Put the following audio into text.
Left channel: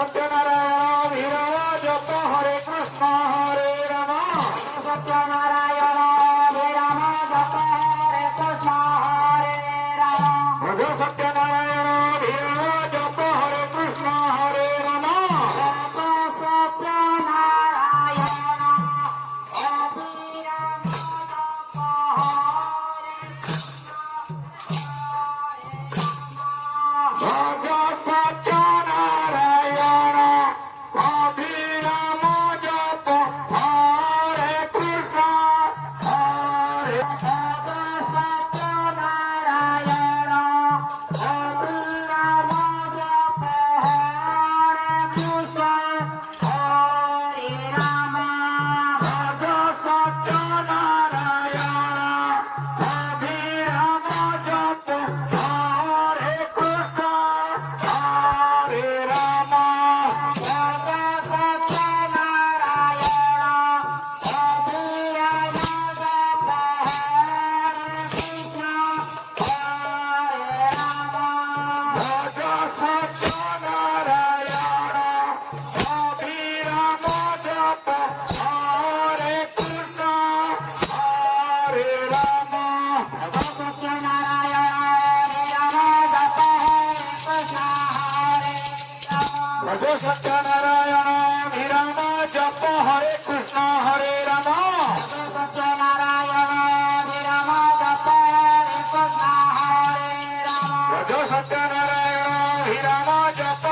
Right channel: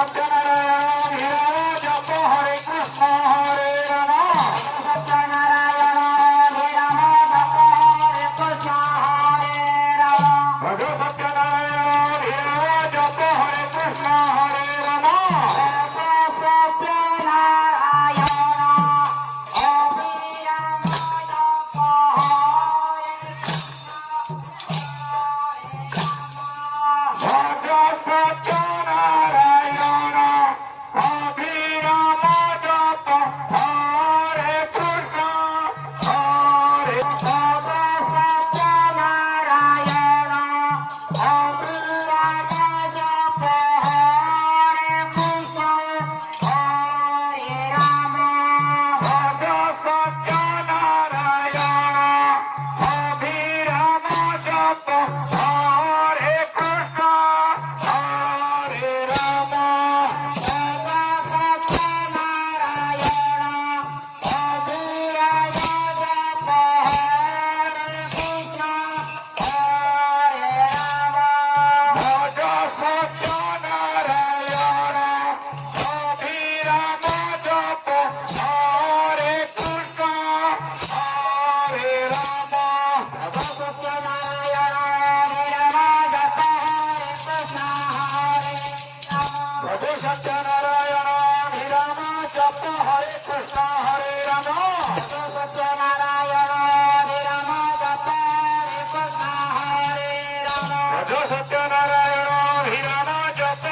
सत्यनारायण विराम जप हरे कृष्ण हरे राम सत्यनारायण विराम जप हरे कृष्ण हरे राम भज सत्यनारायण विराम जप हरे कृष्ण हरे राम सत्यनारायण अभिराम जप हरे भज सत्यनारायण अभिराम जप हरे कृष्ण हरे सत्यनारायण अभिराम जप हरे कृष्ण हरे राम भज सत्यनारायण अभिराम जप हरे कृष्ण हरे राम सत्यनारायण अभिराम जप हरे कृष्ण हरे राम भज सत्यनारायण अभिराम जप हरे कृष्ण हरे राम सत्यनारायण अभिराम जप हरे कृष्ण हरे राम भज सत्यनारायण अभिराम जप